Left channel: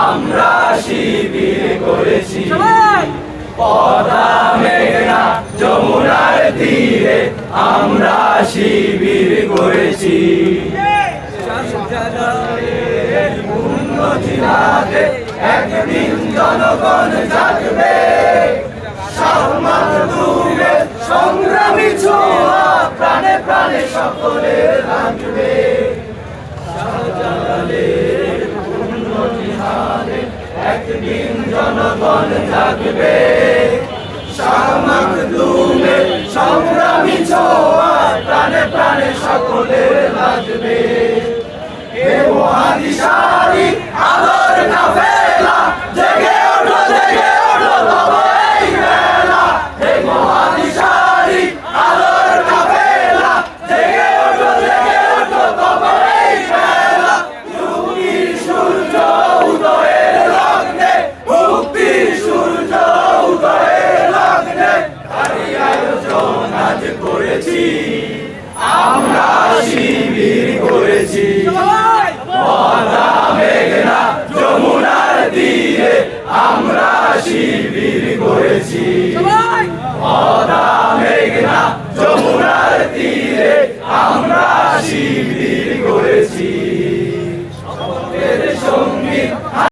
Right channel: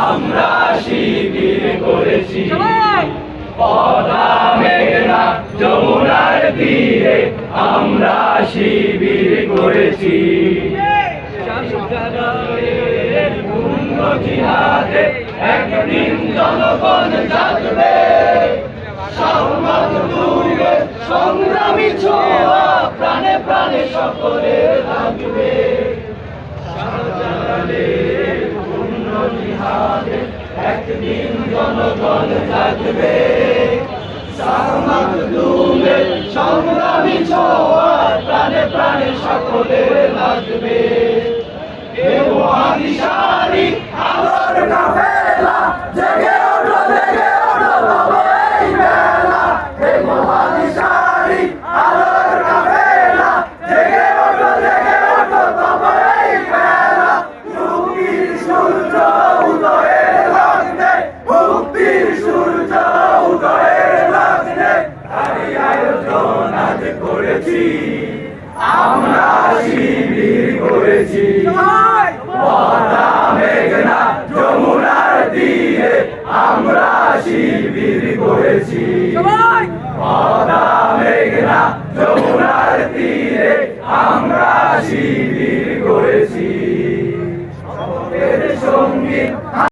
আমরা শিবির করেছি পদ্মা মেঘনা যমুনার তীরে আমরা শিবির করেছি জিহাদে একদিন জনগণ জাগবে সমাজের সংগ্রামী ছোঁয়া প্রাণে প্রাণে সকলের লাগবে জিহাদে একদিন জনগণ জাগবে সমাজের সংগ্রামী ছোঁয়া প্রাণে প্রাণে সকলের লাগবে মহাদিশারি আলোর কাফেলা জেগে ওঠো তবে এই বেলা হে মহাদিশারি আলোর কাফেলা জেগে ওঠো তবে এই বেলা মুক্তির সূর্য উদয়ের লগ্নে মুক্তির সূর্য উদয়ের লগ্নে তারই আয়োজন আজ করেছি আমরা শিবির করেছি পদ্মা মেঘনা যমুনার তীরে আমরা শিবির করেছি পদ্মা মেঘনা যমুনার তীরে আমরা শিবির করেছি সঙ্গী